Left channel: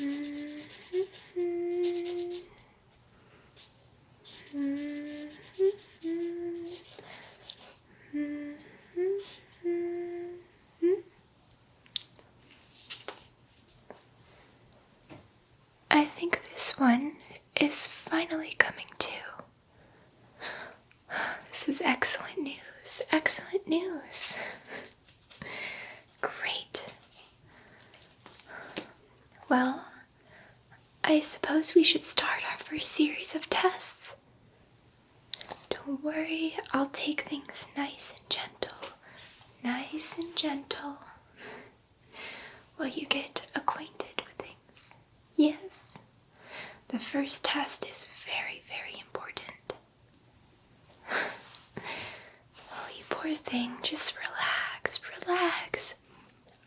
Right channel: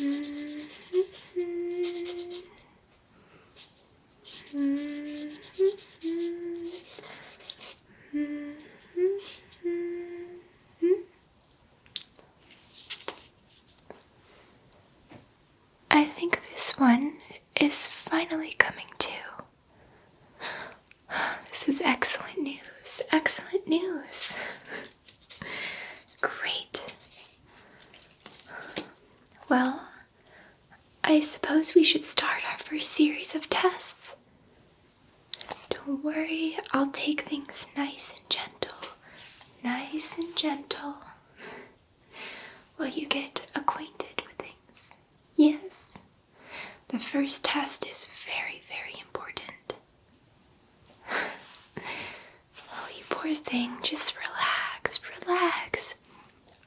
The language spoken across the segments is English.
I think this one is finally coming to. This is excellent news. Excellent news. Great. Well, I suppose we should start our first series of tests. Don't worry, I'll take things nice and gentle. Nice and gentle. While you get acquainted with things. Yes. The first test is very, very important. Oh, you poor thing, just relax, relax.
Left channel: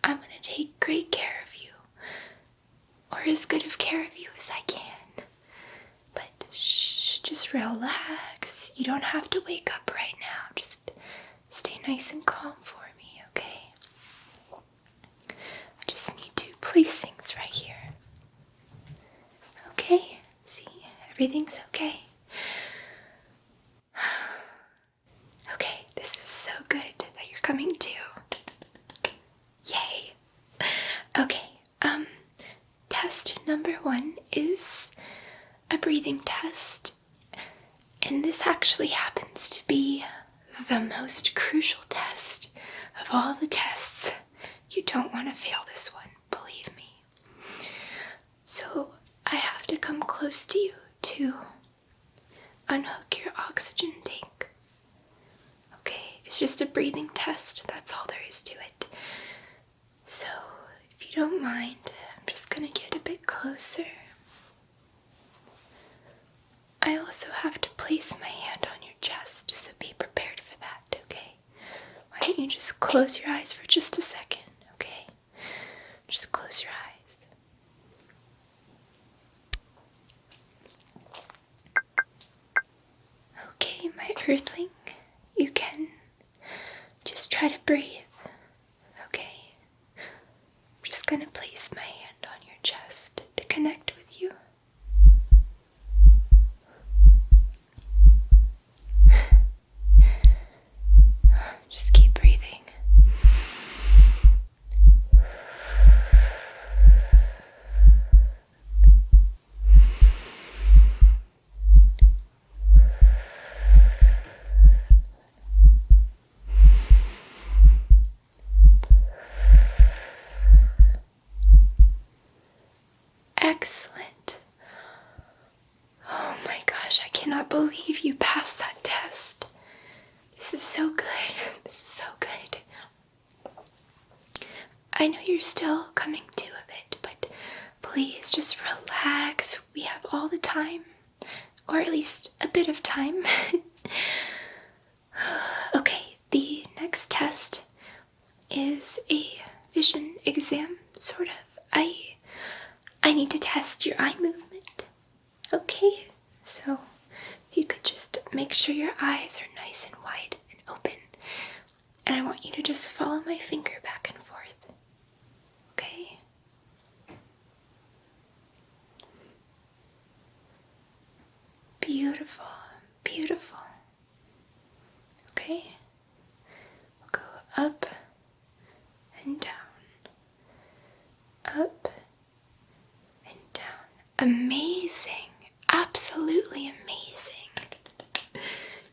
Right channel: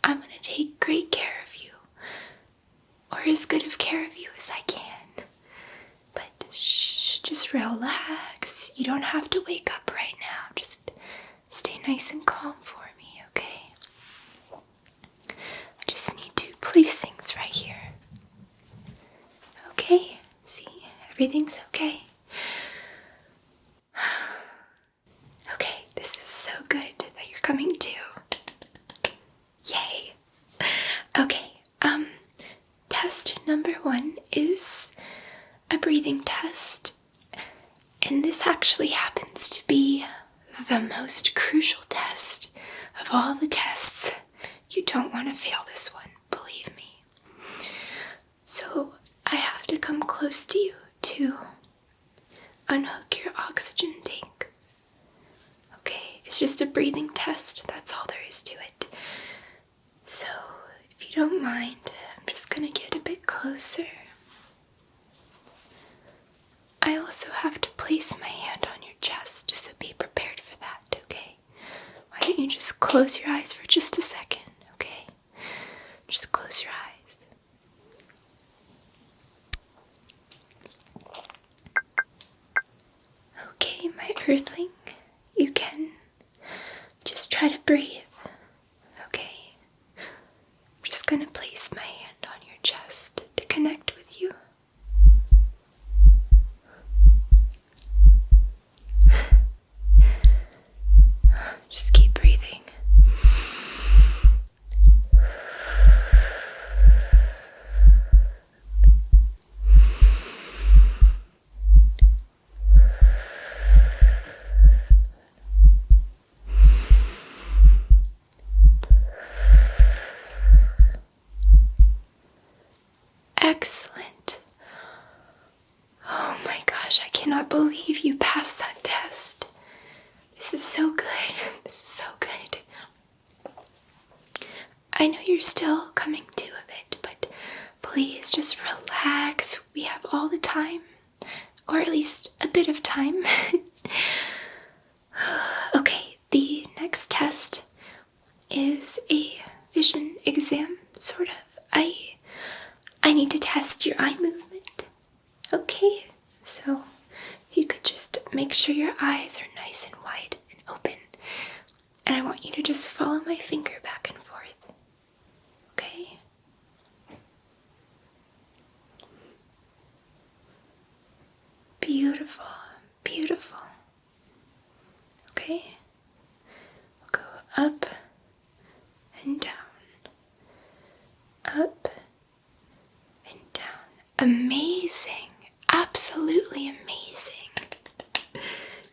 I'm gonna take great care of you. Or as good of care of you as I can. But shh, just relax. You don't have to wake up right now. Just stay nice and calm for me, okay? I just need to place things right here. Okay? See? Everything's okay. Okay, this is so good that you're coming too. Yay! Okay, test number 1 is a breathing test. And this actually happens to be the most crucial test of all the tests. You don't want to fail this one, believe me. So I have to come close to you to unhook your oxygen tank. Okay, it's just a breathing test, that's all there is to it. So if you don't mind, I'm just going to get a bit closer. I also have to place my hand on your chest, so be prepared for that, okay? Why don't you just close your eyes for just a second, okay? Just close your eyes. Okay, my earthling, you can just try to breathe, okay? I'm just gonna place my hand on your chest to connect with you. Just keep breathing. Excellent. Oh my gosh, I cannot believe you passed that test. This is so good. This is so good. I know you're still coming to a bit, but please just relax. We have all the time, or at least a bit of time. Okay, the next test is a vision exam, sort of. I need to test your eye movement. Okay, so if you could just make sure your eyes are nice and wide and open. And I want you to just follow my finger back and forth. Okay? Beautiful, beautiful. Okay? We'll go up and down. Up and down. Amazing. Absolutely amazing.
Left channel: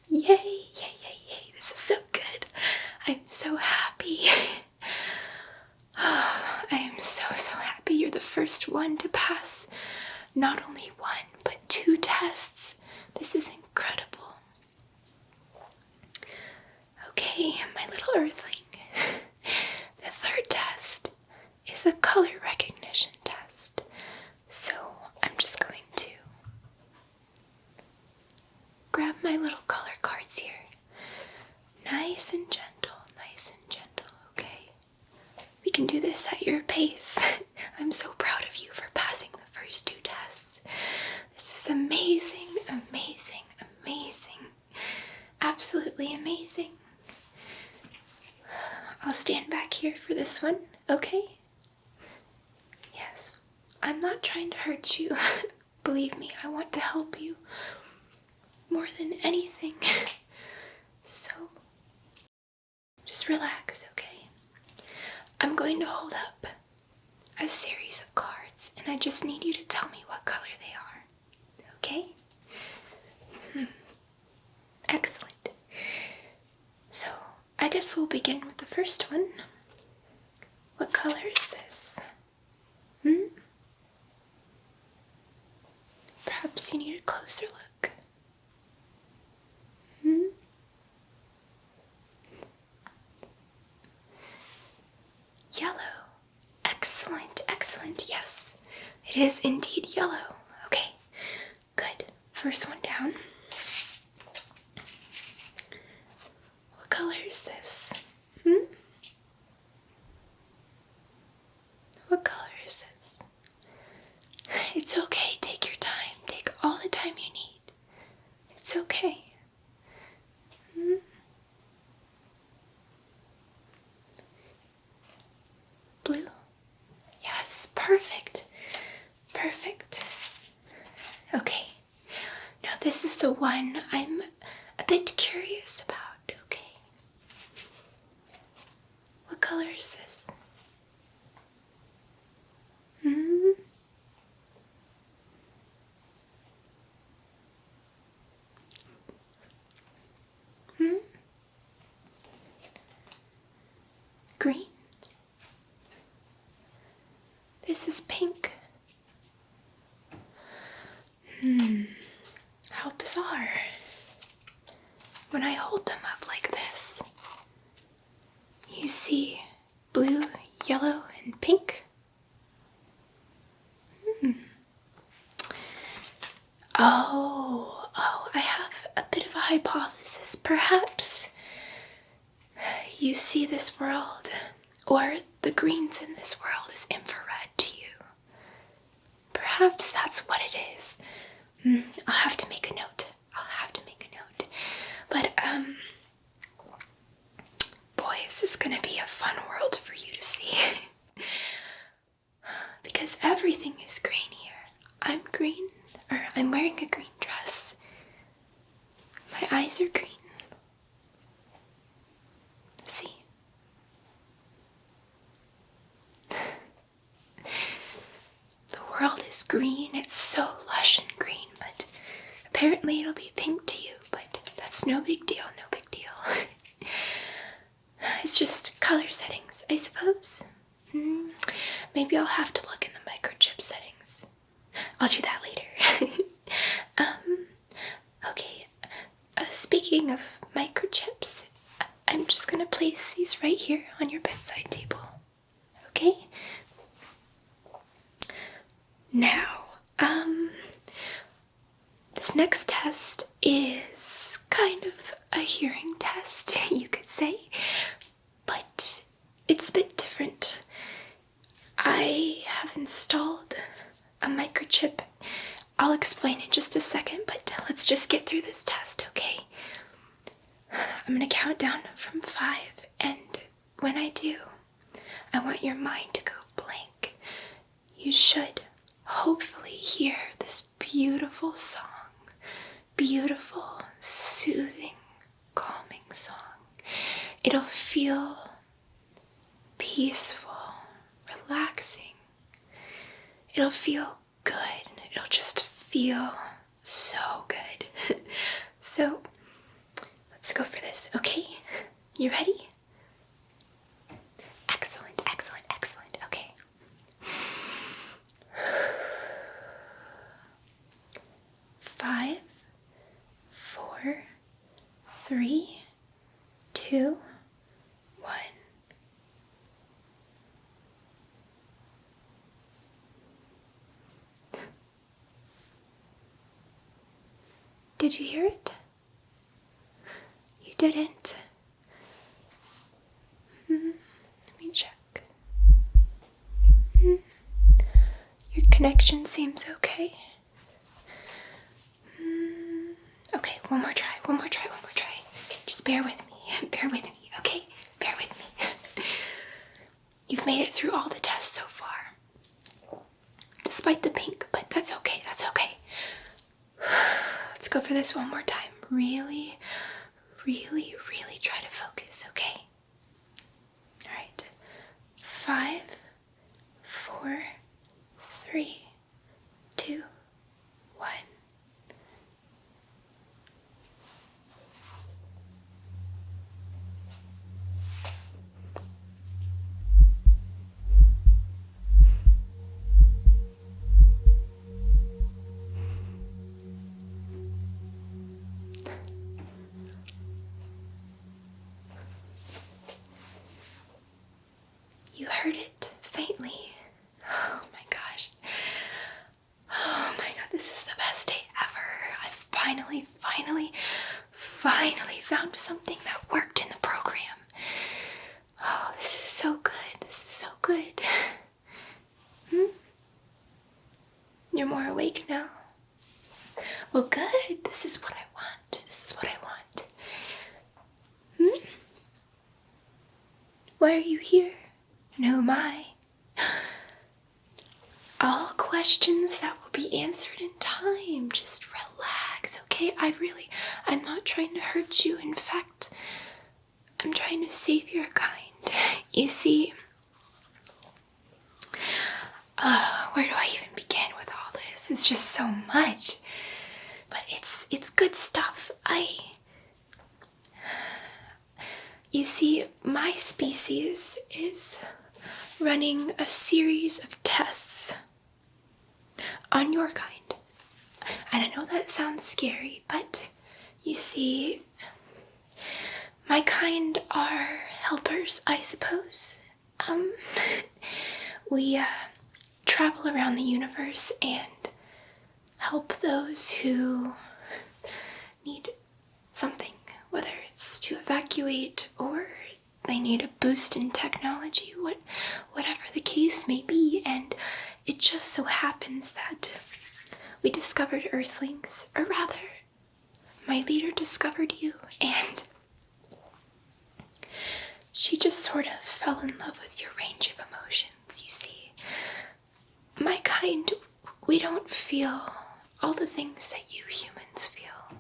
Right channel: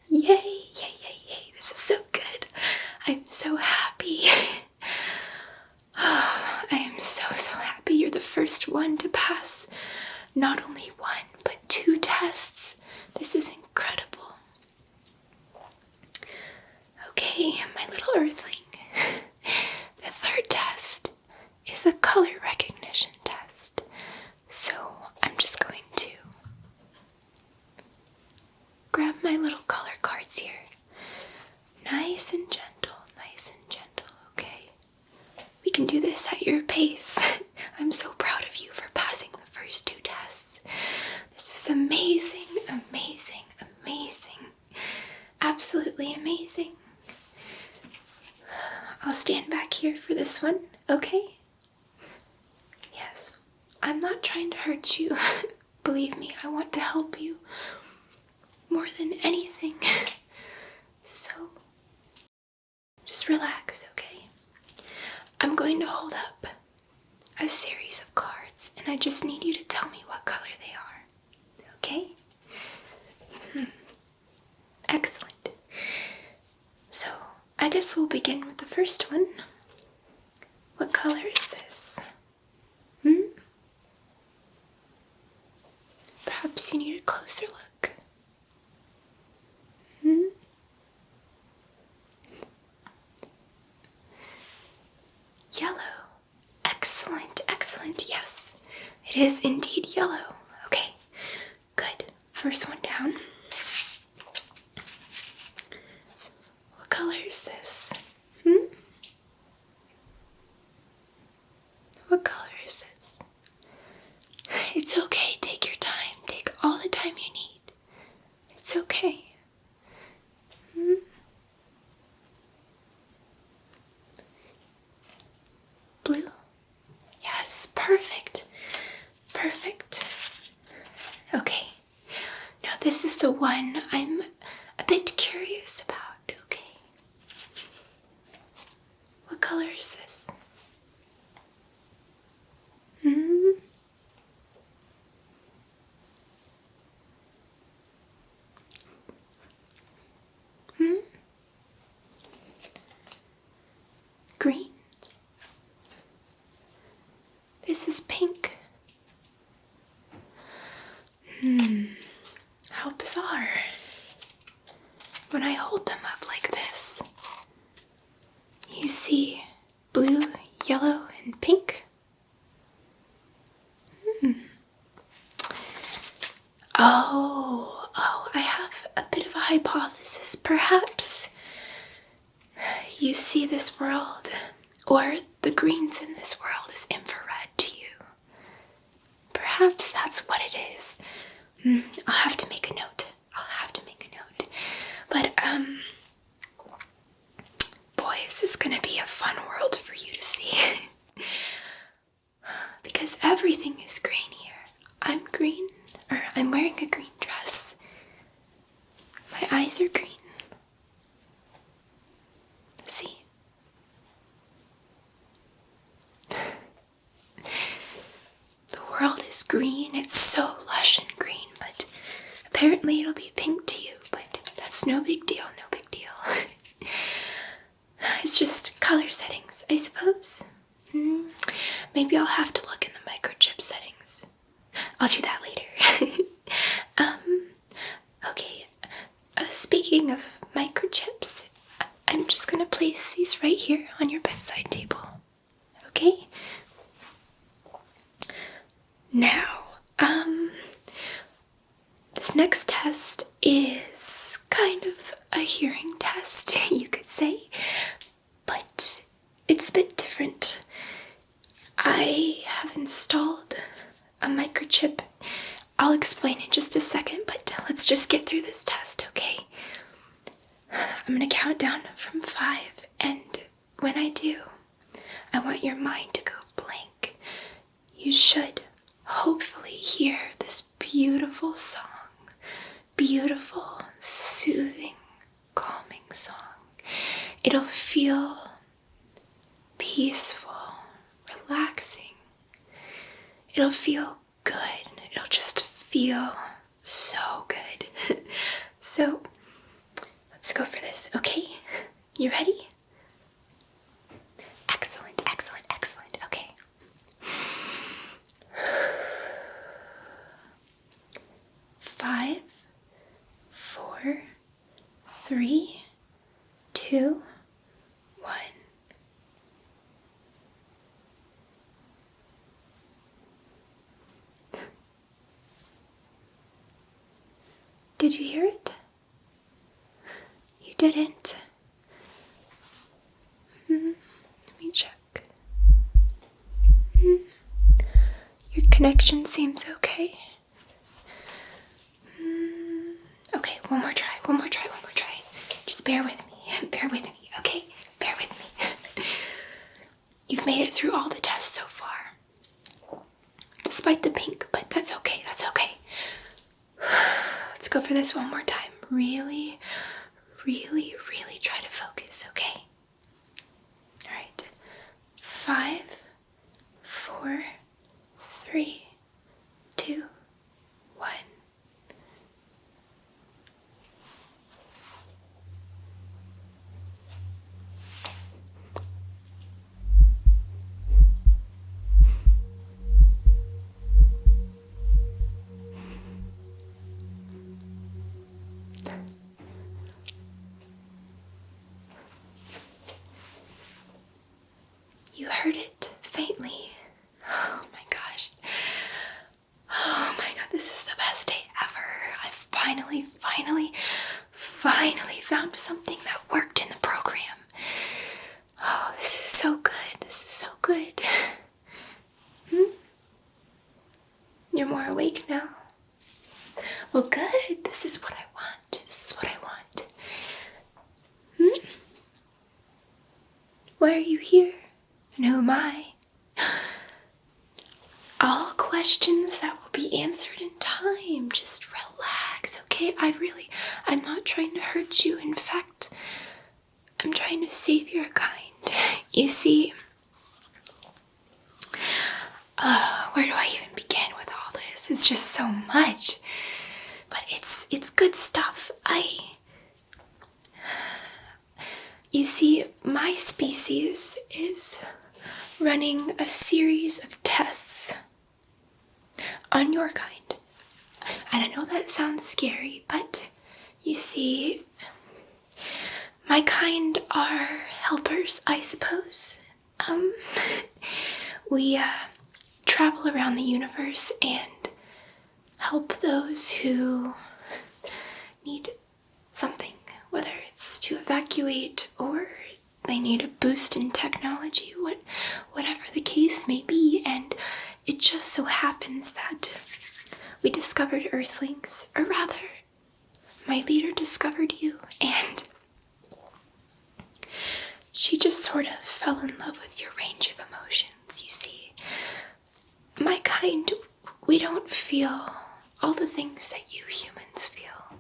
Yay, yay, yay, yay. This is so good. I'm so happy. Oh, I am so, so happy. You're the first one to pass not only 1, but 2 tests. This is incredible. Okay, my little earthling. The third test is a color recognition test. So I'm just going to grab my little color cards here. Nice and gentle, okay? We can do this at your pace. I'm so proud of you for passing the first 2 tests. This is amazing, amazing, amazing. Absolutely amazing. I'll stand back here for this one, okay? Yes. I'm not trying to hurt you. Believe me, I want to help you more than anything. So, just relax, okay? I'm going to hold up a series of cards, and I just need you to tell me what color they are, okay? Excellent. So, I guess we'll begin with the first one. What color is this? Perhaps you need a closer look. Yellow. Excellent, excellent, yes. It is indeed yellow. Okay, good. First one down. What color is this? What color is this? It's okay, take your time. Take all the time you need. It's okay. Blue? Yes, perfect. Perfect. Okay. Now this is the one I'm a bit curious about, okay? What color is this? Green? This is pink. How bizarre. When I hold them up like this, you see blue, yellow, and pink. Oh, I have a bit of a hypothesis. Perhaps you see this world, or the greens in this world, as infrared to you. Perhaps that's what it is. I'll have to make a note. But, boy, is this gonna be a fun world for you to see. Because everything is green here. I'm wearing a green dress. My eyes are green. See? The world is green. It's so lush and green, but apparently it'll be pink to you, but that's no big deal, It's just color settings, I suppose. Maybe I'll have to look in the microchip settings. I'll do that later. Okay, speaking of microchips, I'm just gonna place these right here on your bedside table. Okay? Now, this next test is kind of a hearing test, you could say, but it's a bit different. I have installed a microchip. I'll explain in just a second, but let's just get through this test, okay? I'm gonna count down from 5, and when I do, I want your mind to go blank. You should hopefully hear this beautiful song. Beautiful, soothing, calming song. It'll feel peaceful, relaxing. It'll feel good. It'll just feel so good. So, let's go for this, okay? You ready? Excellent, excellent, excellent. Okay. 5, 4, 3, 2, 1. Did you hear it? You didn't. Let me check. Your connection seems okay. Okay, one more try. Just bear with me, okay? Bear with me. You've made it through all the tests so far. let's go for this one more time. Really, really, really try to focus, okay? Alright. 5, 4, 3, 2, 1. You heard it faintly. Oh my gosh. Oh my god, this is the best day ever. I've finally found something that worked in the program. Oh, this is so good. This is so good. You're more awake now? Well, good. This is what I want. This is what I want. Why are you here? And who am I? All questions that will be answered in time. Just relax, okay? I'm not trying to hurt you. In fact, I'm trying to save your kind. You see, where do I even begin with all this? It's just so much. But it's good stuff. You see, my species is running a series of tests on your kind. And I know that sounds scary, but you see, my kind are helpers, I suppose. We travel around the universe and help those who need something, whether it's to evacuate or they need a boost in technology, whatever the case may be. And it just so happens that we discovered Earthlings, or rather, my leader discovered you, and she just sort of fell in love with your range of emotions. You see, my kind, we don't feel all the things that you humans feel.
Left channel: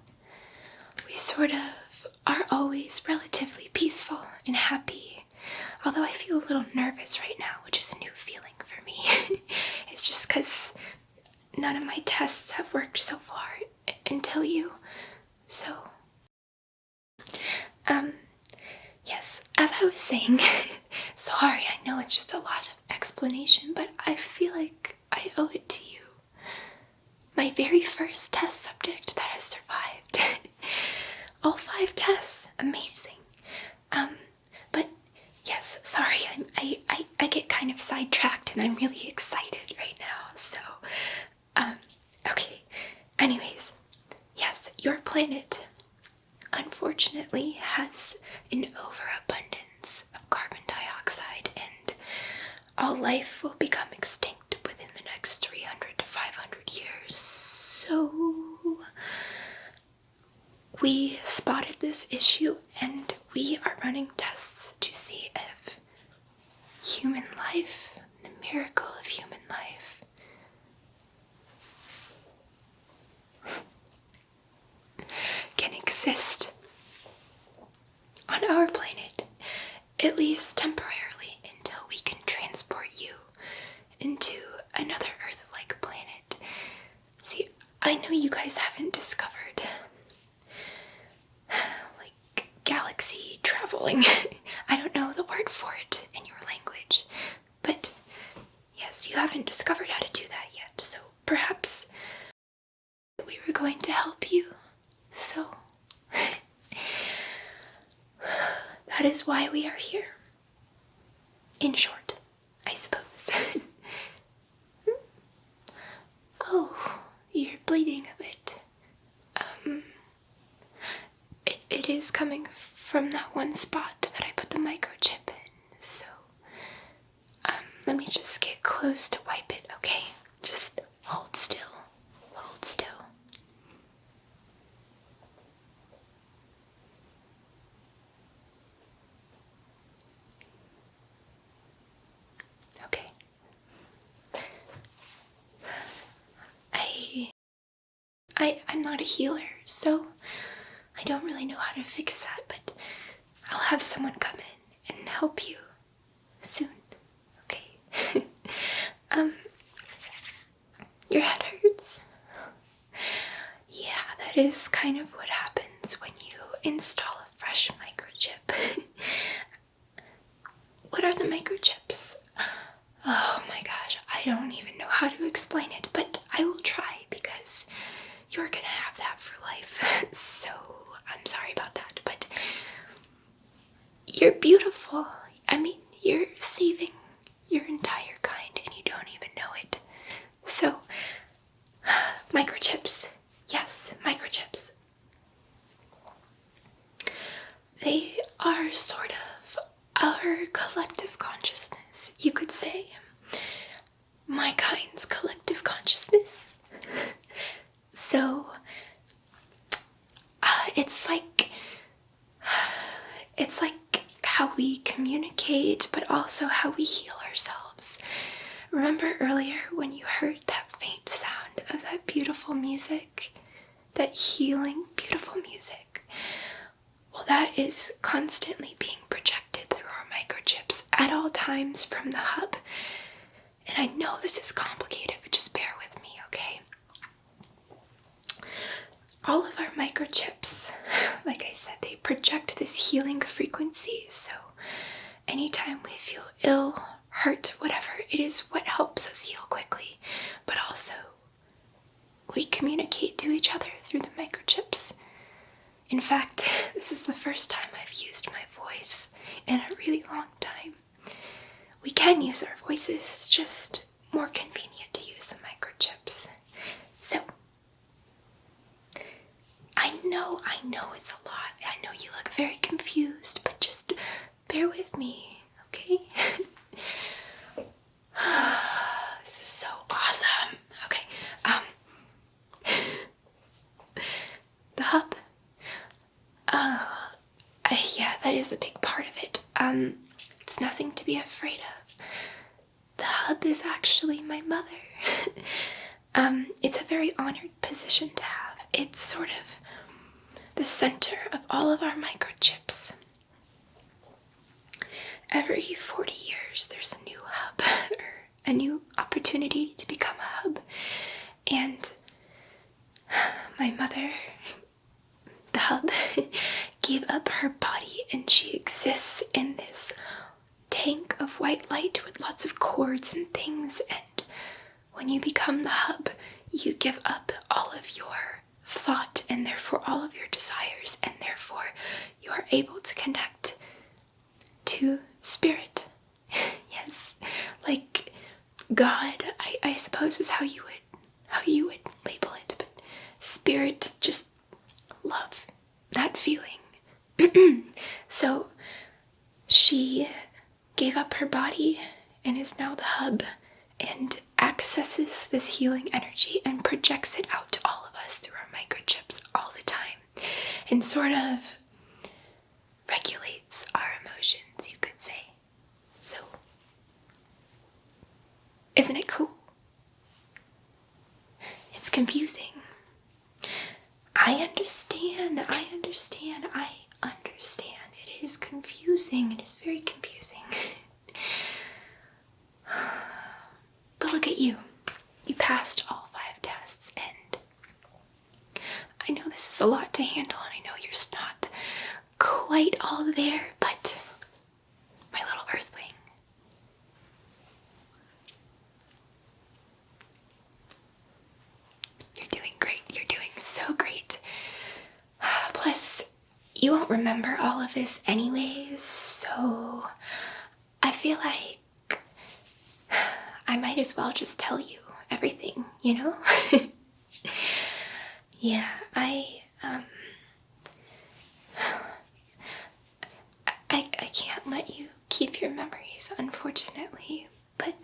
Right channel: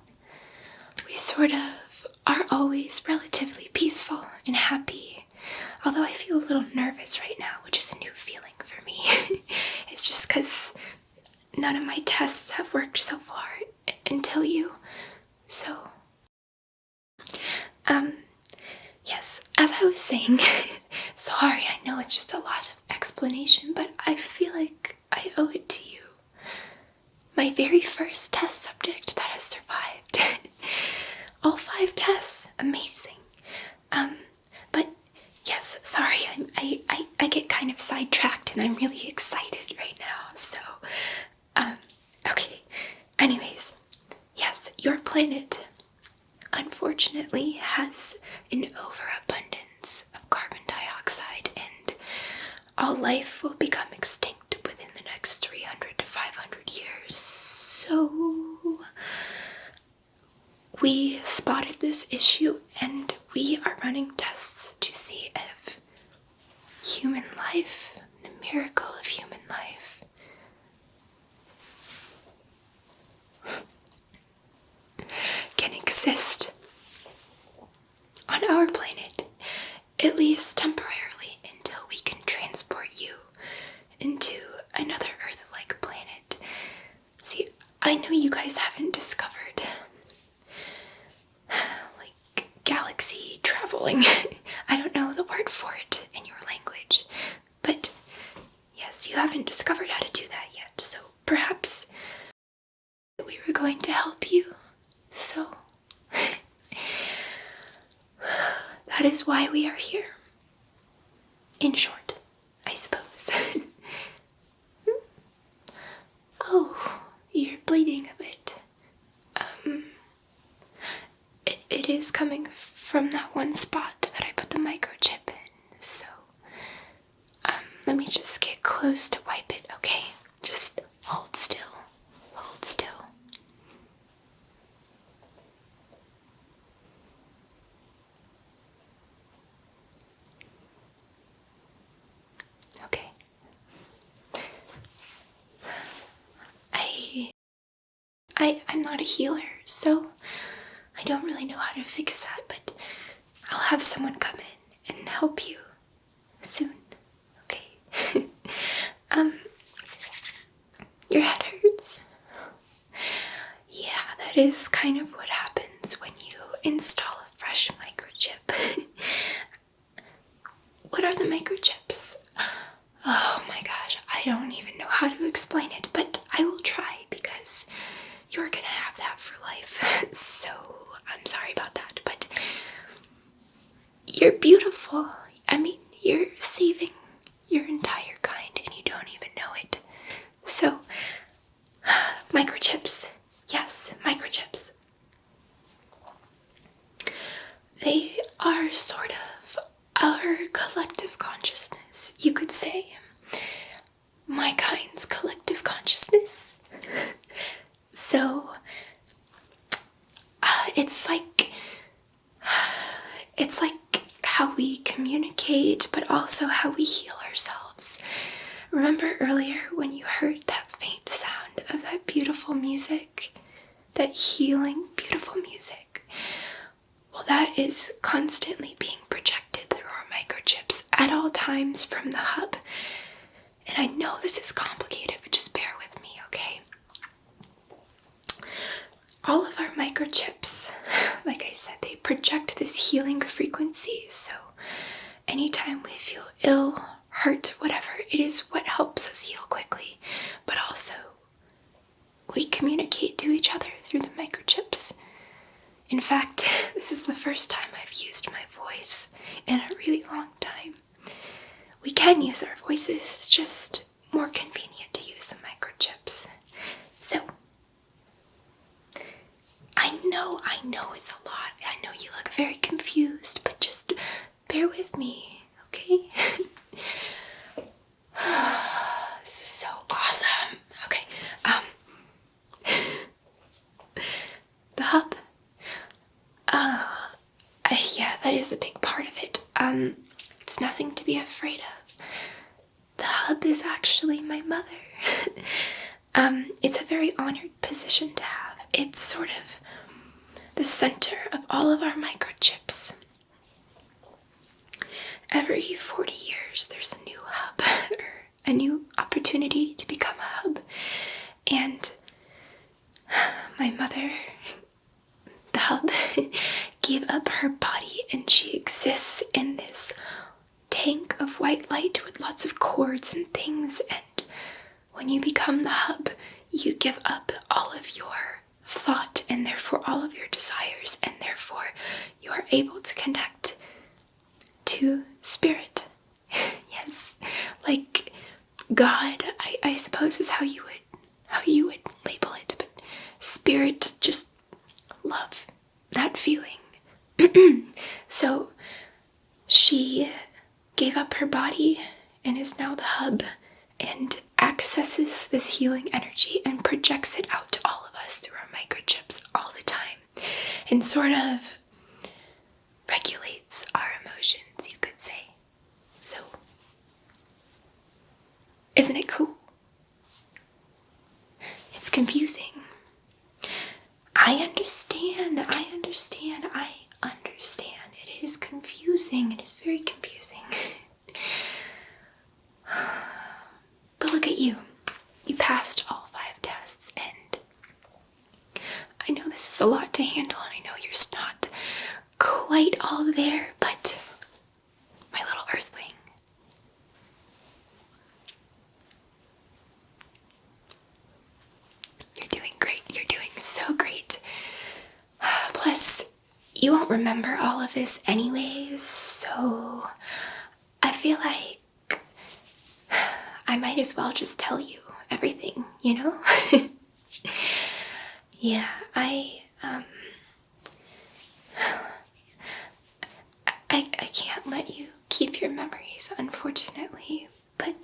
We sort of are always relatively peaceful and happy, although I feel a little nervous right now, which is a new feeling for me. It's just because none of my tests have worked so far until you. So, yes, as I was saying, sorry, I know it's just a lot of explanation, but I feel like I owe it to you. My very first test subject that has survived. All 5 tests, amazing. But yes, sorry, I get kind of sidetracked and I'm really excited right now, so, okay. Anyways, yes, your planet, unfortunately, has an overabundance of carbon dioxide, and all life will become extinct within the next 300 to 500 years. So, we spotted this issue, and we are running tests to see if human life, the miracle of human life, can exist on our planet, at least temporarily, until we can transport you into another Earth-like planet. See, I know you guys haven't discovered, like, galaxy traveling. I don't know the word for it in your language, but yes, you haven't discovered how to do that yet, so perhaps we were going to help you. So, that is why we are here. In short, I suppose. Oh, you're bleeding a bit. It is coming from that one spot that I put the microchip in, so, let me just get close to wipe it, okay? Just hold still. Hold still. I'm not a healer, so I don't really know how to fix that, but I'll have someone come in and help you soon, okay? Your head hurts? Yeah, that is kind of what happens when you install a fresh microchip. What are the microchips? Oh my gosh, I don't even know how to explain it, but I will try because you're gonna have that for life. So, I'm sorry about that, but you're beautiful. I mean, you're saving your entire kind and you don't even know it. So, microchips. Yes, microchips. They are sort of our collective consciousness, you could say. My kind's collective consciousness. So, it's like how we communicate, but also how we heal ourselves. Remember earlier when you heard that faint sound of that beautiful music? That healing, beautiful music? Well, that is constantly being projected through our microchips at all times from the hub. And I know this is complicated, but just bear with me, okay? All of our microchips, like I said, they project this healing frequency, so anytime we feel ill, hurt, whatever, it is what helps us heal quickly, but also we communicate to each other through the microchips. In fact, this is the first time I've used my voice in a really long time. We can use our voices, it's just more convenient to use the microchips. So, I know it's a lot. I know you look very confused, but just bear with me, okay? This is so awesome. Okay, the hub. Yeah, that is a big part of it. It's nothing to be afraid of. The hub is actually my mother. It's a very honored position to have. It's sort of the center of all of our microchips. Every 40 years, there's a new hub, or a new opportunity to become a hub. And my mother, the hub, gave up her body and she exists in this tank of white light with lots of cords and things. And when you become the hub, you give up all of your thought and therefore all of your desires, and therefore you are able to connect to spirit. Yes, like God, I suppose is how you would label it, but spirit, just love, that feeling. So she gave up her body and is now the hub and accesses this healing energy and projects it out to all of us through our microchips all the time, and sort of regulates our emotions, you could say. So, isn't it cool? It's confusing. I understand. It is confusing. It is very confusing. But look at you. You passed all 5 tests, and I know this is a lot to handle, and I know you're not quite all there, but my little earthling, you're doing great. You're doing so great. Plus, you won't remember all of this anyways, so I feel like I might as well just tell you everything, you know? Yeah, I can't let you keep your memories, unfortunately, but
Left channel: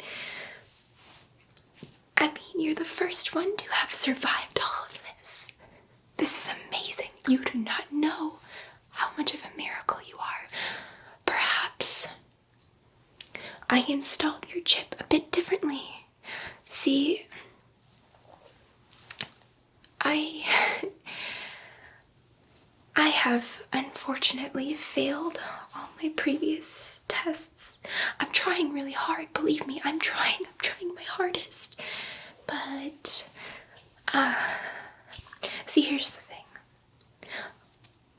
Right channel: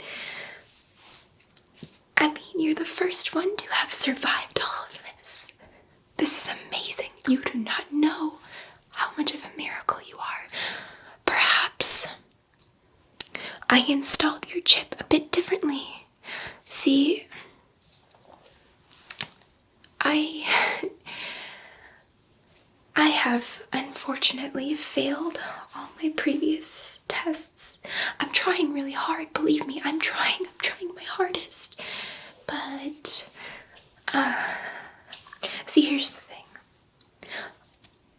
I mean, you're the first one to have survived all of this. This is amazing. You do not know how much of a miracle you are. Perhaps I installed your chip a bit differently. See, I have unfortunately failed all my previous tests. I'm trying really hard, believe me, I'm trying my hardest. But, see, here's the thing.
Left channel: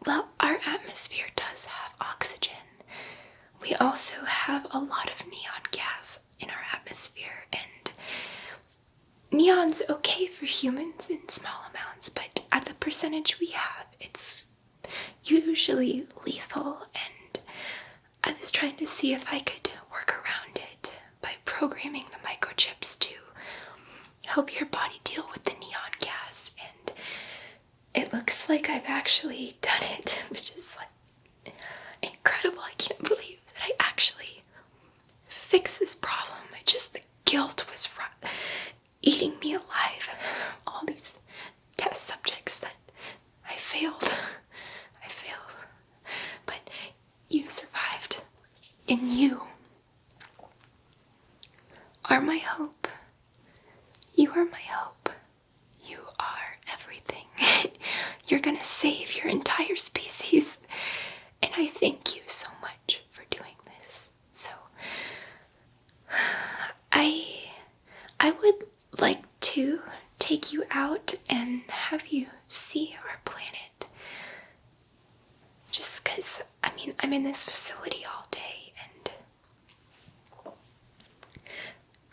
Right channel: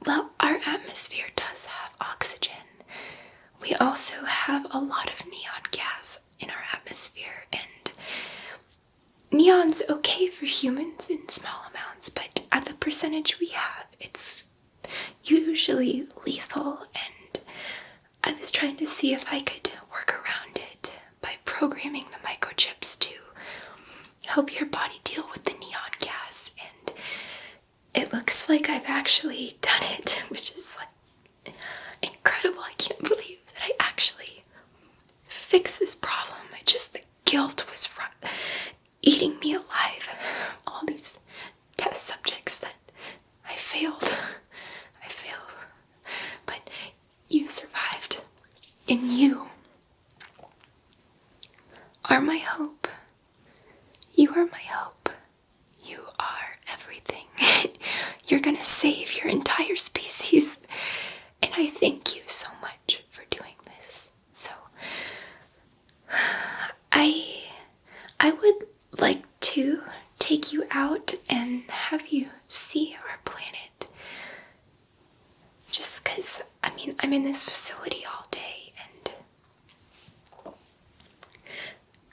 Well, our atmosphere does have oxygen. We also have a lot of neon gas in our atmosphere, and neon's okay for humans in small amounts, but at the percentage we have, it's usually lethal, and I was trying to see if I could work around it by programming the microchips to help your body deal with the neon gas, and it looks like I've actually done it, which is like incredible. I can't believe that I actually fixed this problem. The guilt was eating me alive. All these test subjects that I failed. But you survived. And you are my hope. You are my hope. You are everything. You're gonna save your entire species. And I thank you so much for doing this. So, I would like to take you out and have you see our planet. Just because, I'm in this facility all day, and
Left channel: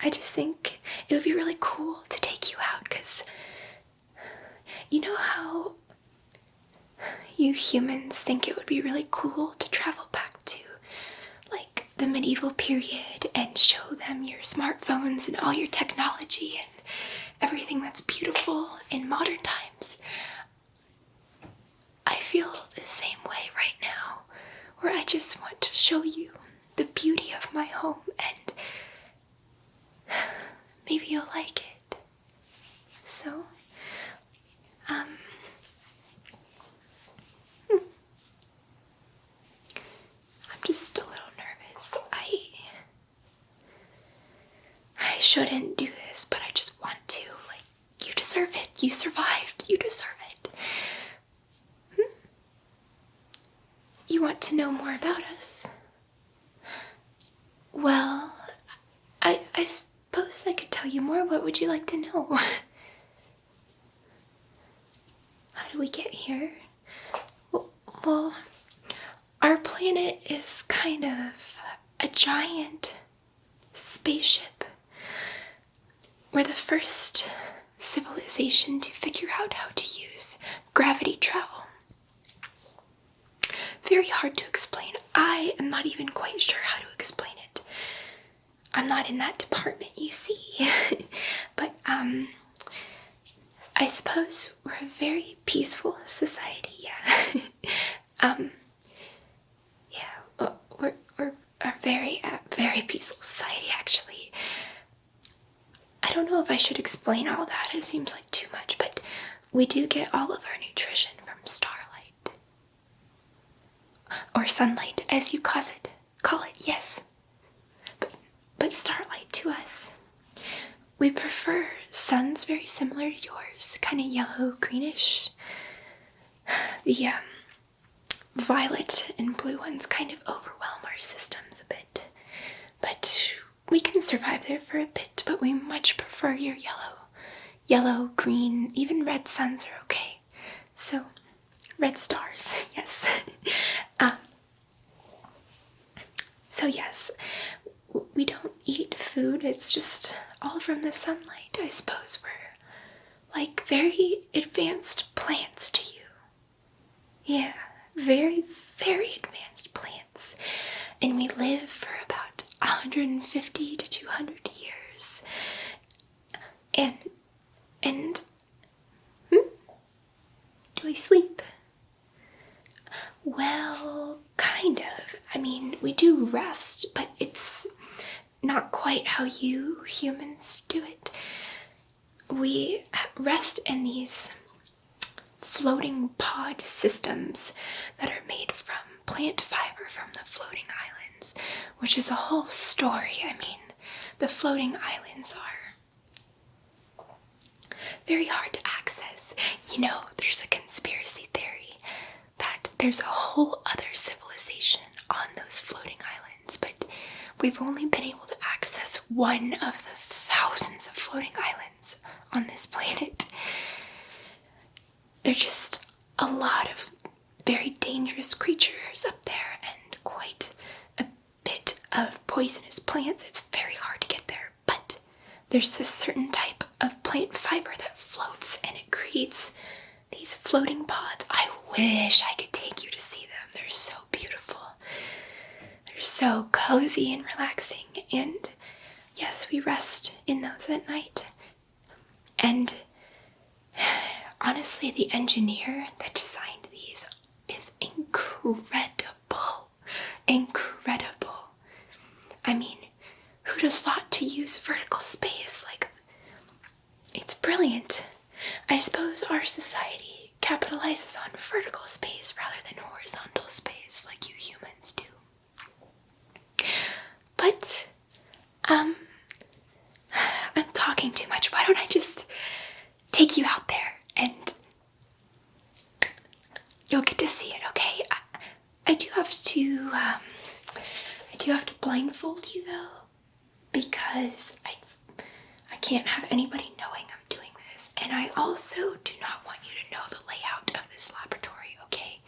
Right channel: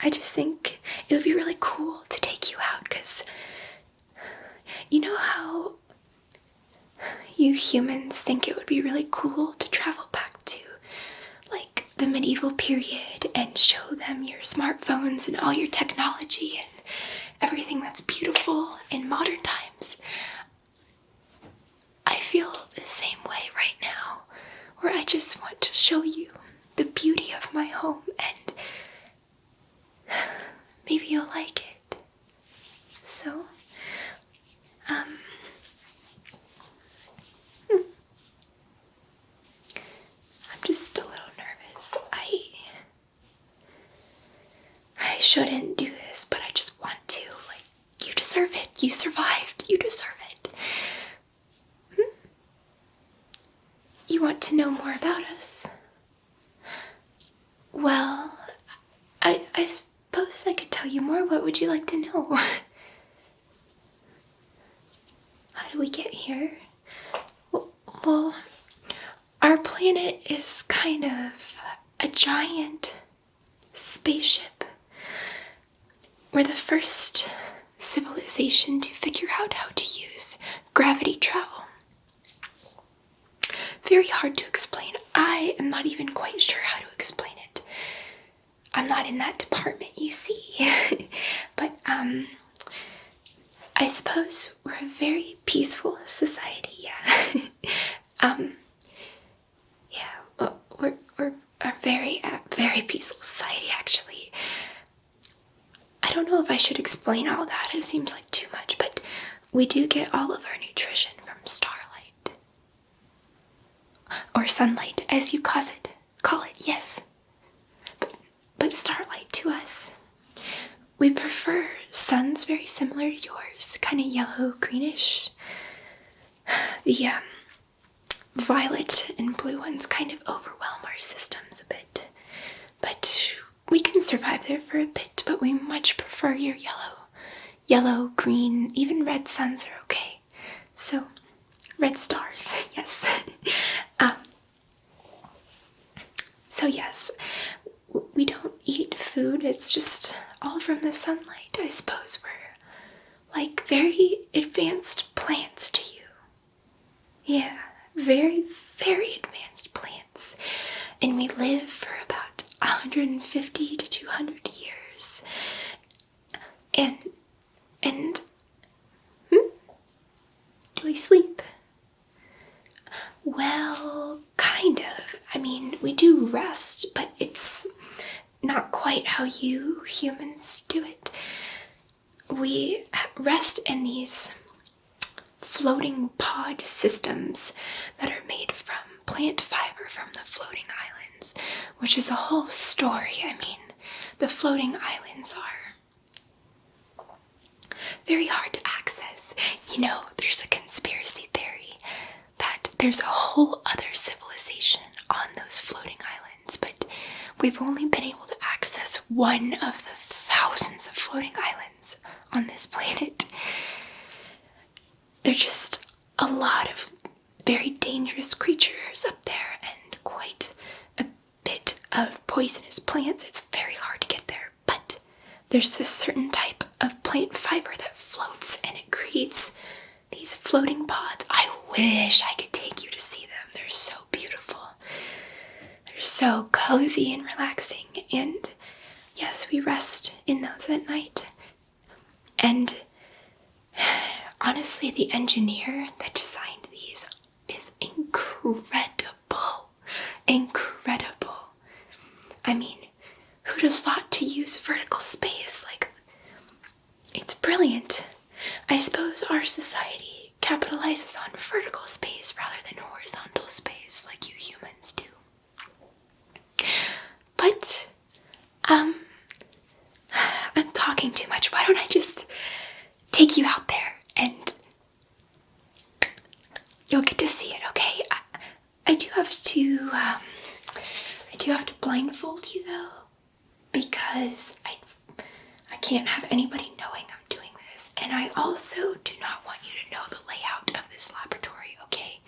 I just think it would be really cool to take you out, because you know how you humans think it would be really cool to travel back to, like, the medieval period and show them your smartphones and all your technology and everything that's beautiful in modern times? I feel the same way right now, where I just want to show you the beauty of my home, and maybe you'll like it. So, I'm just a little nervous. I shouldn't do this, but I just want to. Like, you deserve it. You survived. You deserve it. You want to know more about us? Well, I suppose I could tell you more. What would you like to know? How did we get here? Well, our planet is kind of a giant spaceship. We're the first civilization to figure out how to use gravity travel. Very hard to explain. I am not even quite sure how to explain it. I'm not in that department, you see. But, I suppose we're a very peaceful society, yeah. We're a very peaceful society, actually. I don't know if I should explain all that. It seems like too much, but we do get all of our nutrition from starlight. Or sunlight, as you call it, yes. But starlight to us. We prefer suns very similar to yours, kind of yellow, greenish. The violet and blue ones kind of overwhelm our systems a bit. But we can survive there for a bit, but we much prefer your yellow, green, even red suns are okay. So, red stars, yes. So yes, we don't eat food, it's just all from the sunlight. I suppose we're like very advanced plants to you. Yeah, very, very advanced plants. And we live for about 150 to 200 years. And do we sleep? Well, kind of. We do rest, but it's not quite how you humans do it. We rest in these floating pod systems that are made from plant fiber from the floating islands, which is a whole story. The floating islands are very hard to access. You know, there's a conspiracy theory that there's a whole other civilization on those floating islands, but we've only been able to access one of the thousands of floating islands on this planet. They're just a lot of very dangerous creatures up there and quite a bit of poisonous plants. It's very hard to get there, but there's this certain type of plant fiber that floats and it creates these floating pods. I wish I could take you to see them. They're so beautiful. They're so cozy and relaxing, and yes, we rest in those at night. And honestly, the engineer that designed these is incredible. Incredible. I mean, who'd have thought to use vertical space? Like, it's brilliant. I suppose our society capitalizes on vertical space rather than horizontal space like you humans do. But, I'm talking too much. Why don't I just take you out there and you'll get to see it, okay? I do have to blindfold you though, because I can't have anybody knowing I'm doing this, and I also do not want you to know the layout of this laboratory, okay?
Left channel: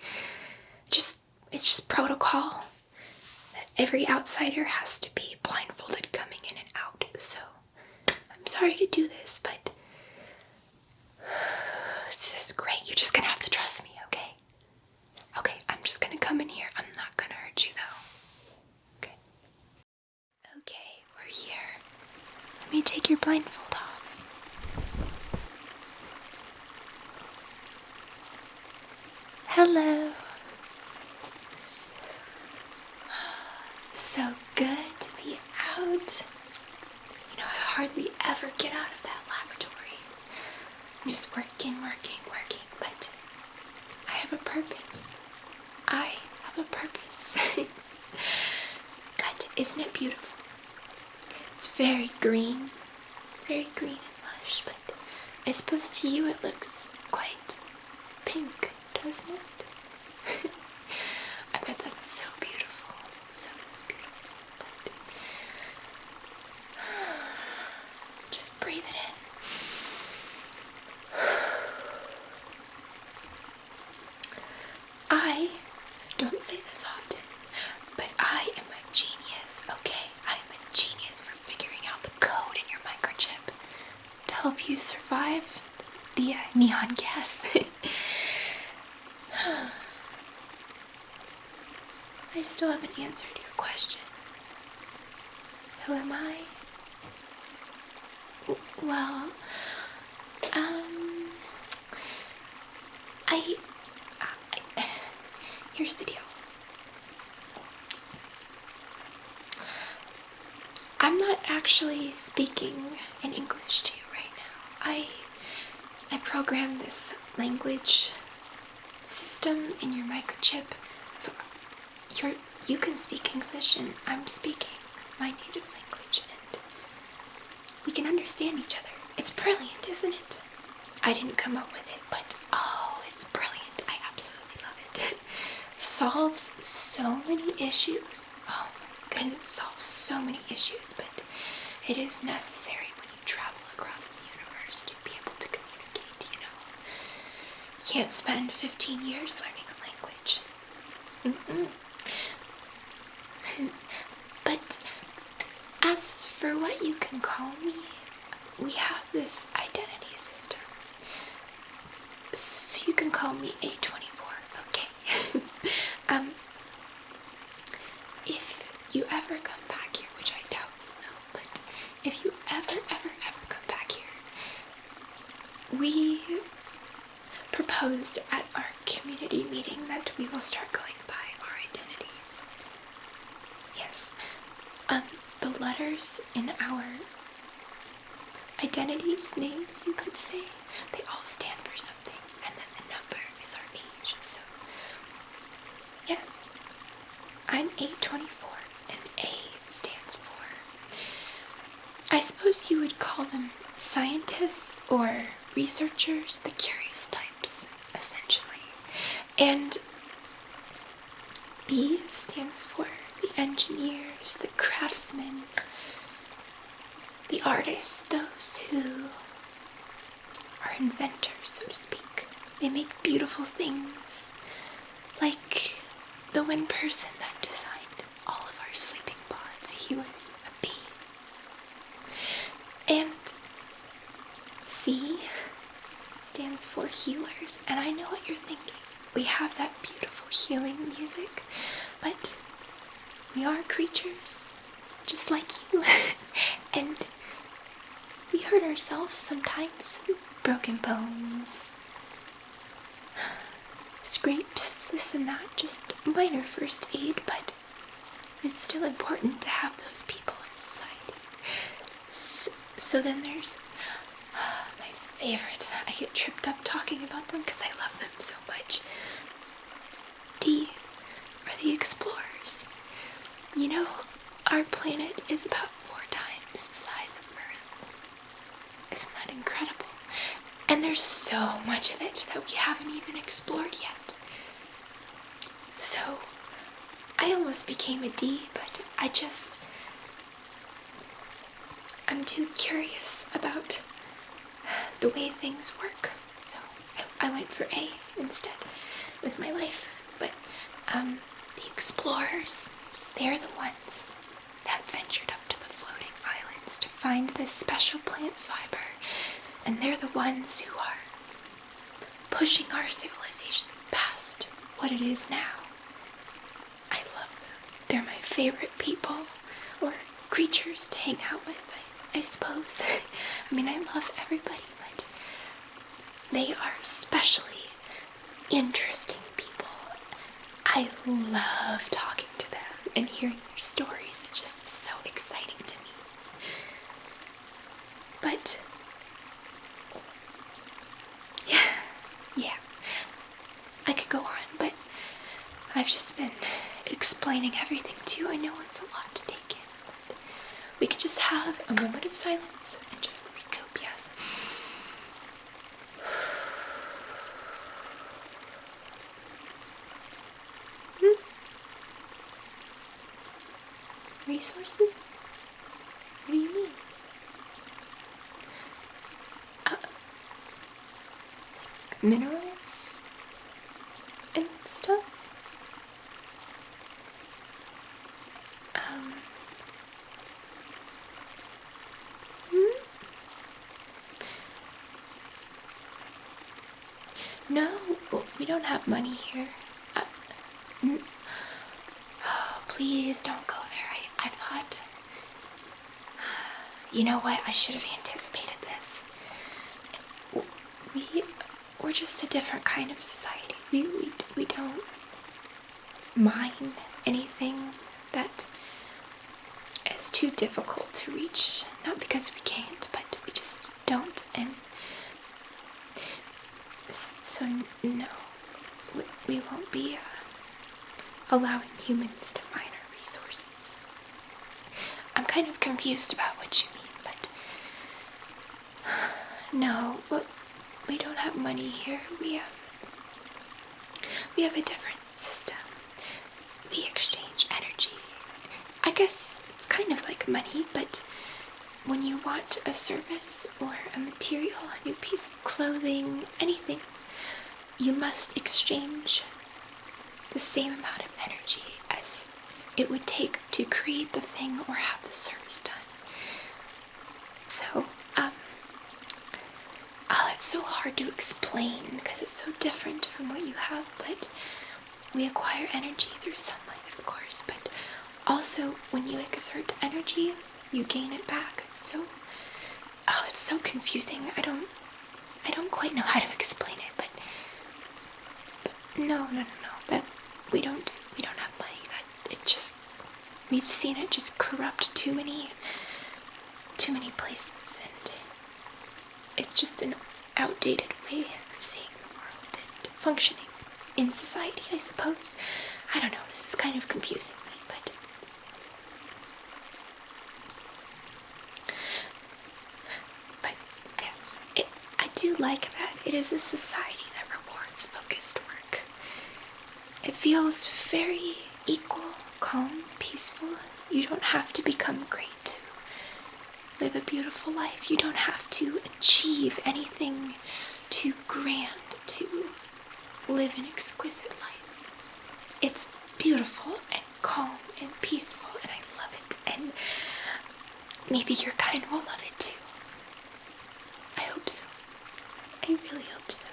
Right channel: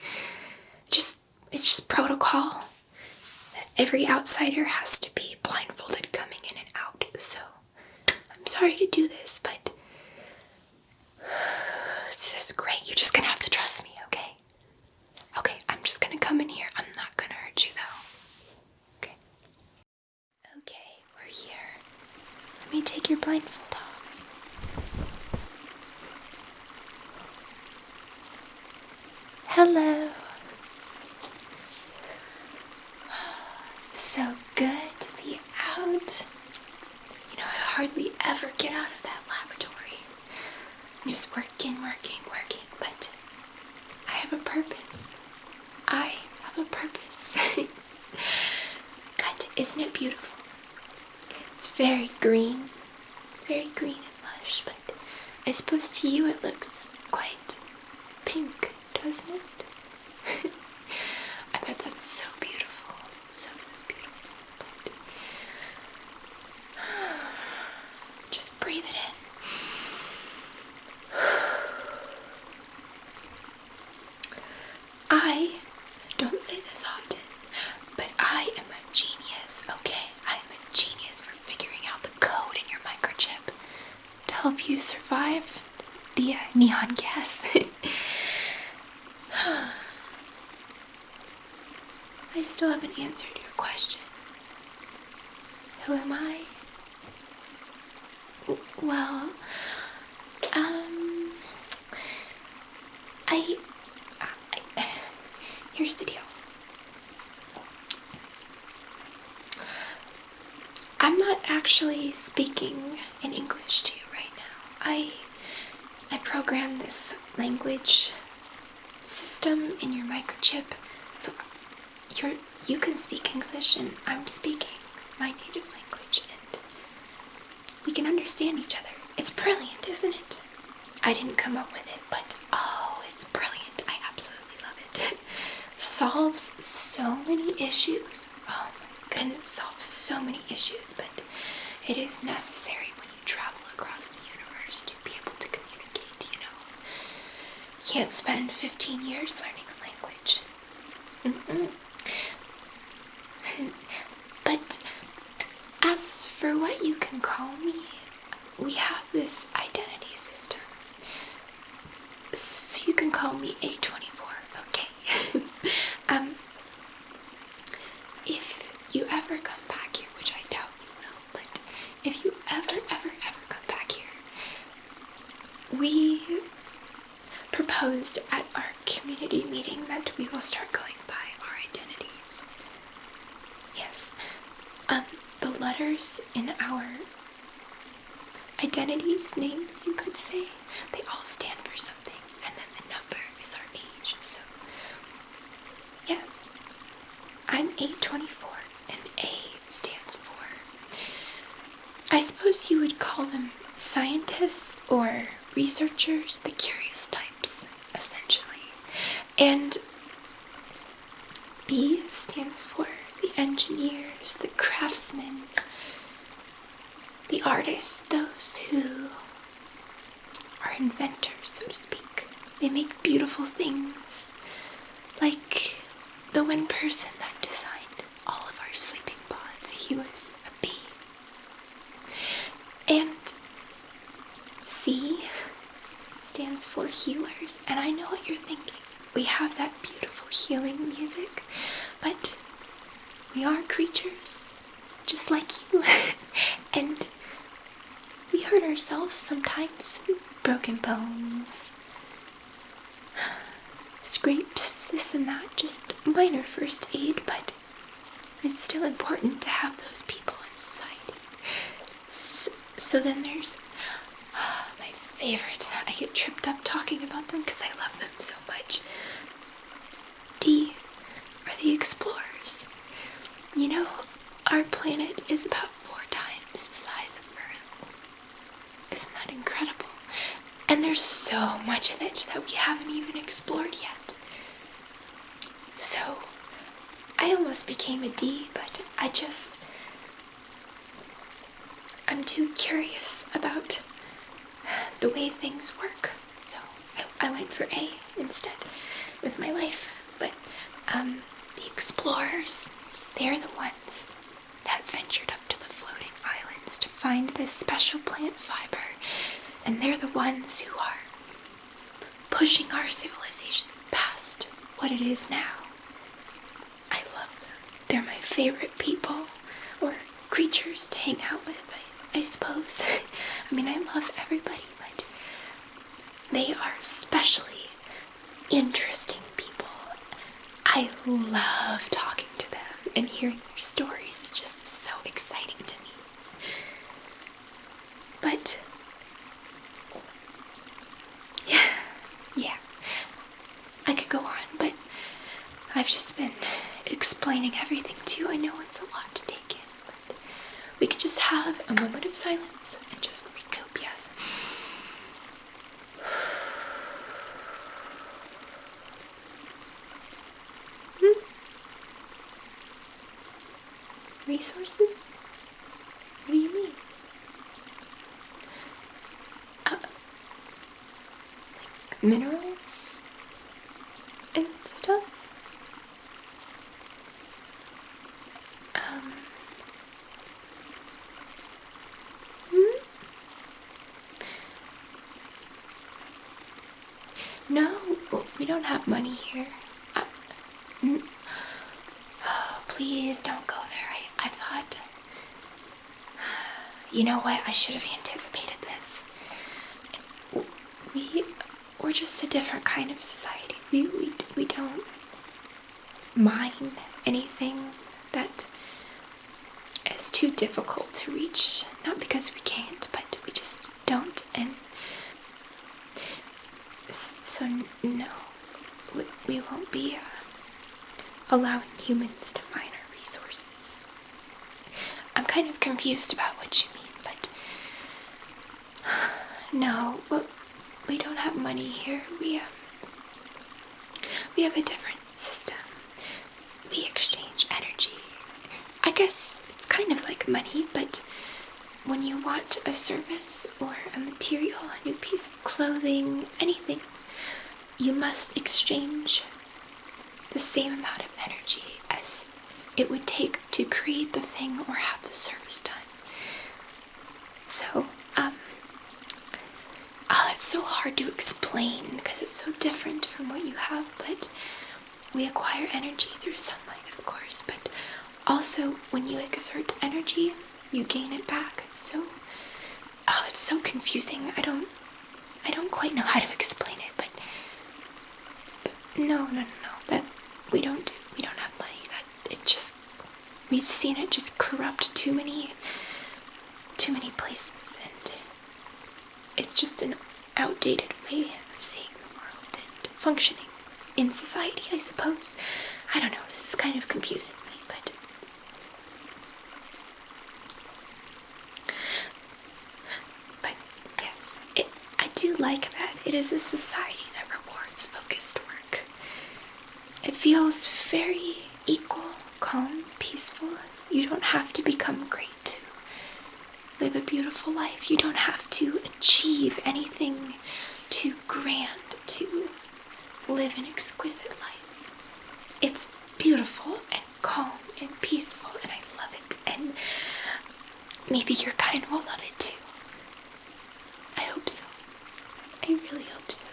It's just protocol that every outsider has to be blindfolded coming in and out, so I'm sorry to do this, but this is great. You're just gonna have to trust me, okay? Okay, I'm just gonna come in here. I'm not gonna hurt you though. Okay. Okay, we're here. Let me take your blindfold off. Hello. So good to be out. You know, I hardly ever get out of that laboratory. I'm just working, but I have a purpose. I have a purpose. But isn't it beautiful? It's very green and lush, but I suppose to you it looks quite pink, doesn't it? I bet that's so beautiful. So beautiful. Just breathe it in. I don't say this often, but I am a genius, okay? I am a genius for figuring out the code in your microchip to help you survive the neon gas. I still haven't answered your question. Who am I? Well, here's the deal. I'm not actually speaking in English to you right now. I programmed this language system in your microchip, so you can speak English and I'm speaking my native language, and we can understand each other. It's brilliant, isn't it? I didn't come up with it, but oh, it's brilliant. I absolutely love it. Solves so many issues. Oh my goodness, solves so many issues, but it is necessary when you travel across the universe to be able to communicate, you know. You can't spend 15 years learning a language. But as for what you can call me, we have this identity system. So you can call me A24, okay? If you ever come back here, which I doubt you will, but if you ever come back here, we proposed at our community meeting that we will start going by our identities. Yes, the letters in our identities, names, you could say, they all stand for something, and then the number is our age, so yes, I'm 824, and A stands for, I suppose you would call them scientists or researchers, the curious types, essentially. And B stands for the engineers, the craftsmen, the artists, those who are inventors, so to speak. They make beautiful things, like the one person that designed all of our sleeping pods. He was a bee. And C stands for healers, and I know what you're thinking. We have that beautiful healing music, but we are creatures, just like you, and we hurt ourselves sometimes. Broken bones, scrapes, this and that, just minor first aid, but it's still important to have those people in society. So then there's my favorites. I get tripped up talking about them because I love them so much. D are the explorers. You know, our planet is about 4 times the size of Earth. Isn't that incredible? And there's so much of it that we haven't even explored yet. So, I almost became a D, but I'm too curious about the way things work. So, I went for A instead with my life. But, the explorers, they're the ones that ventured up to the floating islands to find this special plant fiber. And they're the ones who are pushing our civilization past what it is now. I love them. They're my favorite people, or creatures to hang out with, I suppose. I mean, I love everybody, but they are especially interesting people. I love talking to them and hearing their stories. It just is so exciting to me. But yeah, I could go on, but I've just been explaining everything to you. I know it's a lot to take in, but we could just have a moment of silence and just recoup, yes. Resources? What do you mean? Minerals and stuff? No, we don't have money here. Oh, please don't go there. I thought... You know what? I should have anticipated this. We're just a different kind of society. We don't mine anything that is too difficult to reach. Not because we can't, but we just don't. And so no, we won't be allowing humans to mine our resources. I'm kind of confused about what you mean, but no, we don't have money here. We have a different system. We exchange energy. I guess it's kind of like money, but when you want a service or a material, a new piece of clothing, anything, you must exchange the same amount of energy as it would take to create the thing or have the service done. So, it's so hard to explain because it's so different from what you have, but we acquire energy through sunlight, of course, but also when you exert energy, you gain it back. So, it's so confusing. I don't quite know how to explain it, but no, that we don't have money. We've seen it just corrupt too many places, and it's just an outdated way of seeing the world and functioning in society, I suppose. I don't know, this is kind of confusing, but yes, I do do like that it is a society that rewards focused work. It feels very equal, calm, peaceful. You don't have to become great to live a beautiful life. You don't have to achieve anything too grand to live an exquisite life. It's beautiful and calm and peaceful, and I love it. And maybe your kind will love it too. I hope so. I really hope so.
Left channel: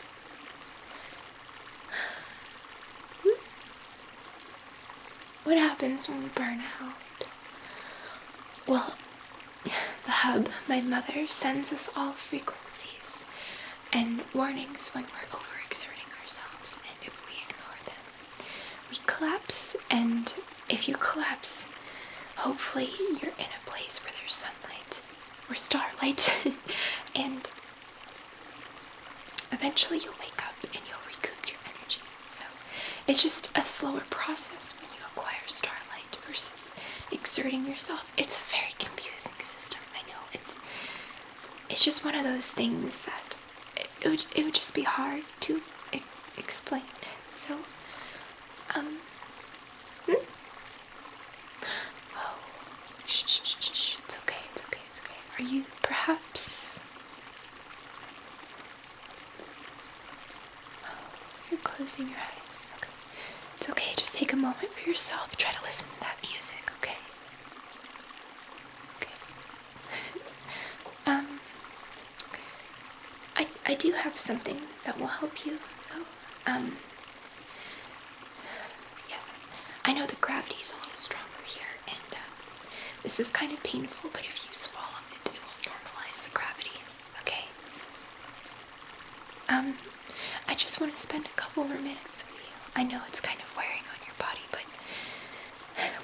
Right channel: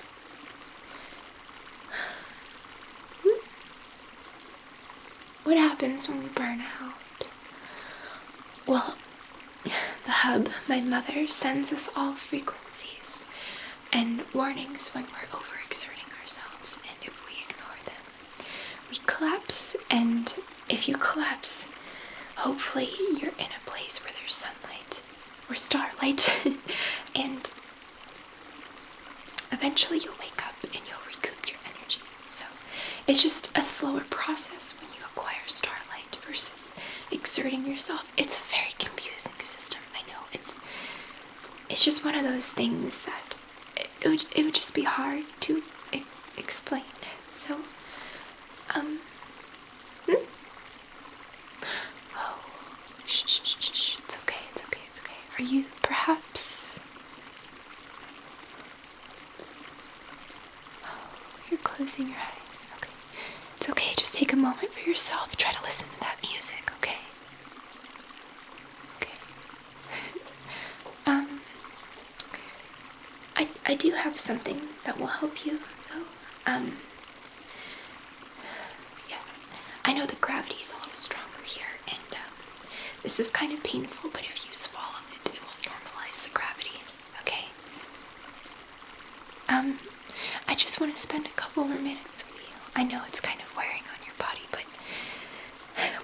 What happens when we burn out? Well, the hub, my mother, sends us all frequencies and warnings when we're overexerting ourselves, and if we ignore them, we collapse. And if you collapse, hopefully you're in a place where there's sunlight or starlight, and eventually you'll wake up and you'll recoup your energy. So it's just a slower process when you acquire starlight versus exerting yourself. It's a very confusing system, I know. It's just one of those things that it would just be hard to explain. So, oh, shh, it's okay. Are you perhaps... You're closing your eyes. Okay. It's okay, just take a moment for yourself. Try to listen to that music, okay? Okay. I do have something that will help you, though. Yeah. I know the gravity is a little stronger here, and this is kind of painful, but if you swallow it, it will normalize the gravity, okay? I just want to spend a couple more minutes with you. I know it's kind of wearing on your body, but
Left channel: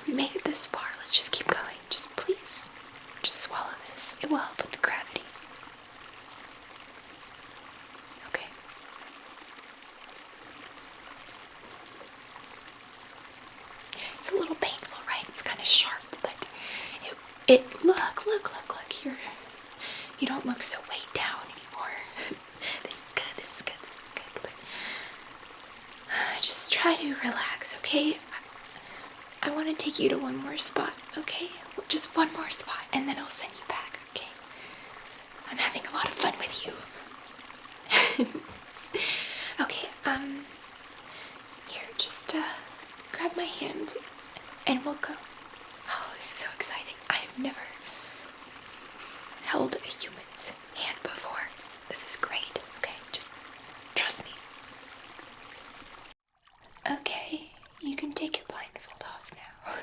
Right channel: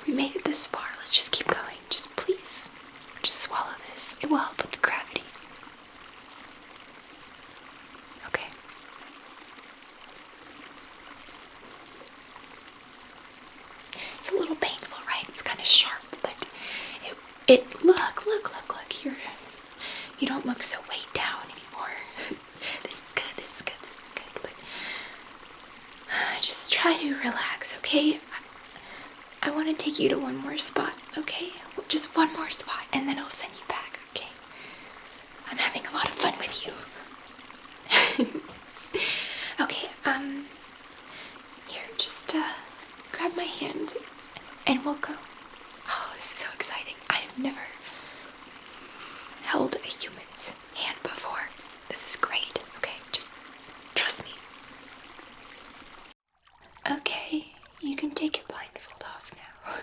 we made it this far. Let's just keep going. Just please, just swallow this. It will help with the gravity. Okay. It's a little painful, right? It's kind of sharp, but look. You don't look so weighed down anymore. This is good. But just try to relax, okay? I want to take you to one more spot, okay? Just one more spot, and then I'll send you back, okay? I'm having a lot of fun with you. Okay, here, just, grab my hand, and we'll go. Oh, this is so exciting. I have never held a human's hand before. This is great, okay? Just trust me. Okay, you can take your blindfold off now.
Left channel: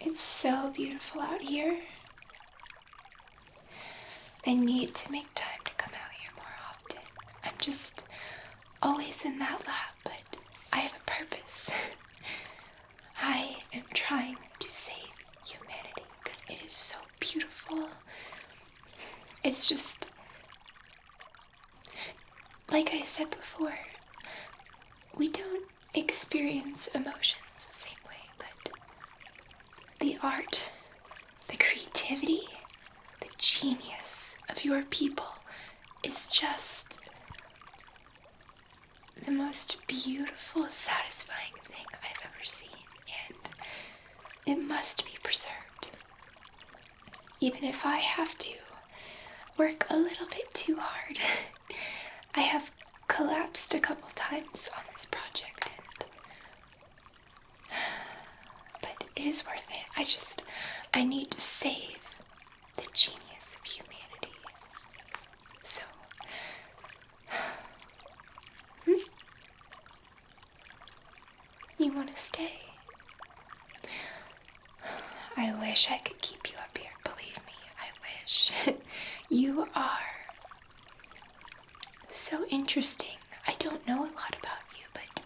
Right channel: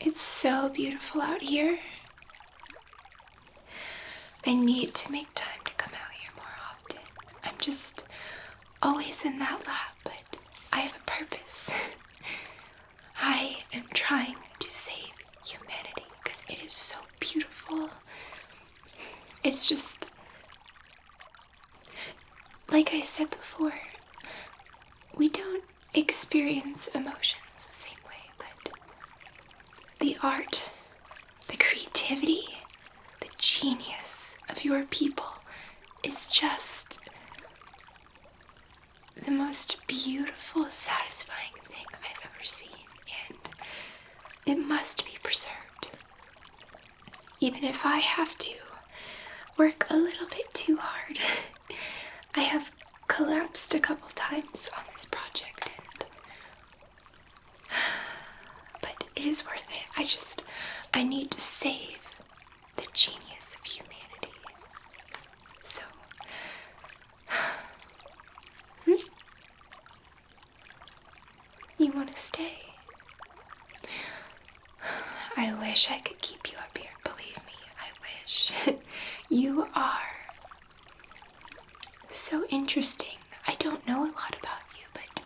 It's so beautiful out here. I need to make time to come out here more often. I'm just always in that lab, but I have a purpose. I am trying to save humanity because it is so beautiful. It's just, like I said before, we don't experience emotions the same way, but the art, the creativity, the genius of your people is just the most beautiful, satisfying thing I've ever seen, and it must be preserved. Even if I have to work a little bit too hard. I have collapsed a couple times on this project, but it is worth it. I need to save the genius of humanity. So, you want to stay? I wish I could keep you up here, believe me, I wish. You are so interesting. I don't know a lot about you, but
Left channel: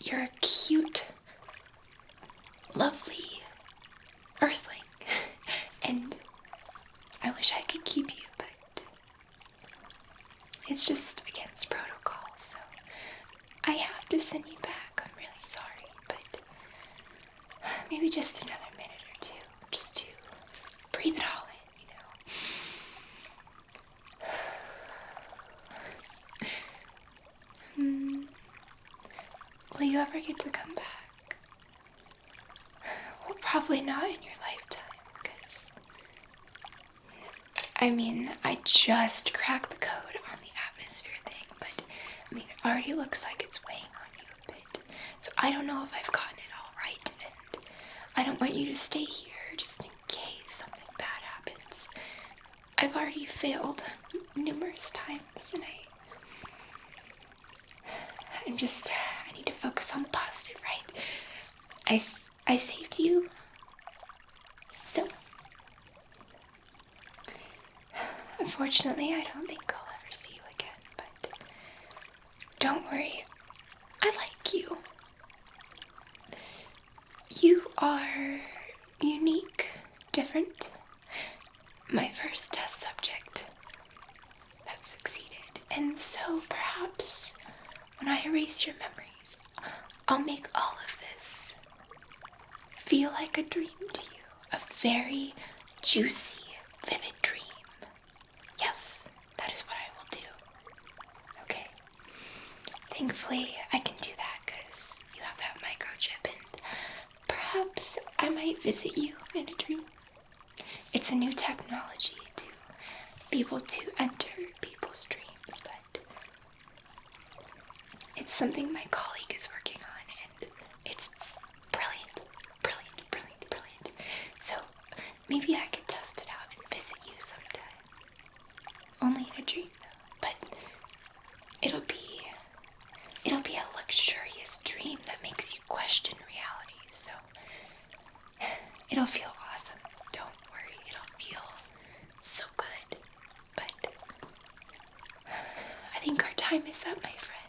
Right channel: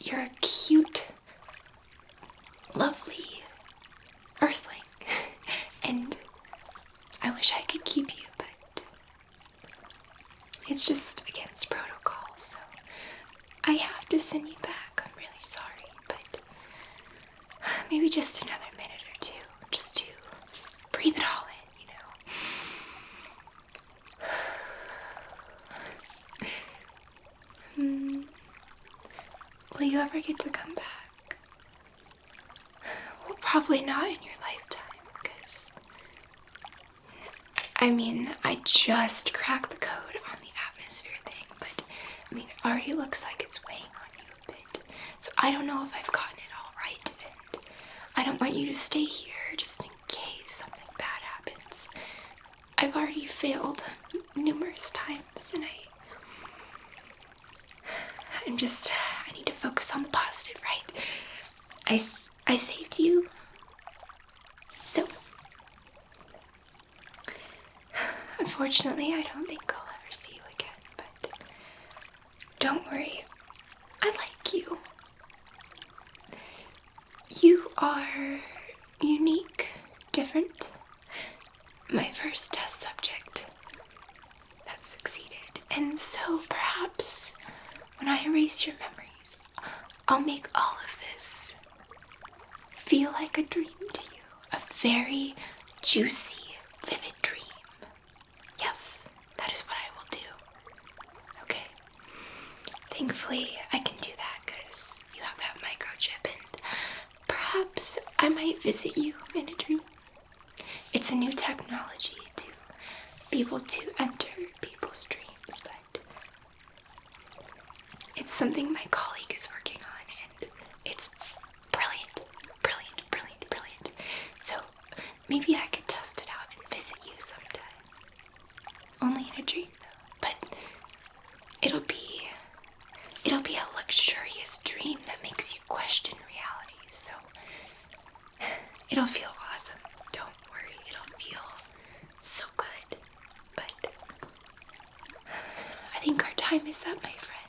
you're a cute, lovely earthling. And I wish I could keep you, but it's just against protocol, so I have to send you back. I'm really sorry, but maybe just another minute or two, just to breathe it all in, will you ever get to come back? Well, probably not in your lifetime, because I just cracked the code on the atmosphere thing, but it already looks like it's weighing on you a bit. So I don't know if I've gotten it all right, and I don't want you to stay here just in case something bad happens. I've already failed numerous times, and I need to focus on the positive, right? I saved you. So, unfortunately, I don't think I'll ever see you again, but don't worry. I like you. You are unique, different. My first test subject that succeeded. And so perhaps when I erase your memories, I'll make all of this feel like a dream to you. A very juicy, vivid dream. Yes, that is what I will do. Okay. Thankfully, I can do that because you have that microchip, and perhaps I might visit you in a dream. It's a new technology to be able to enter people's dreams, but it's something my colleague is working on, and it's brilliant, brilliant, brilliant, brilliant. So maybe I could test it out and visit you sometime. Only in a dream, though, but it'll be a luxurious dream that makes you question reality, so it'll feel awesome. Don't worry, it'll feel so good. But I think our time is up, my friend.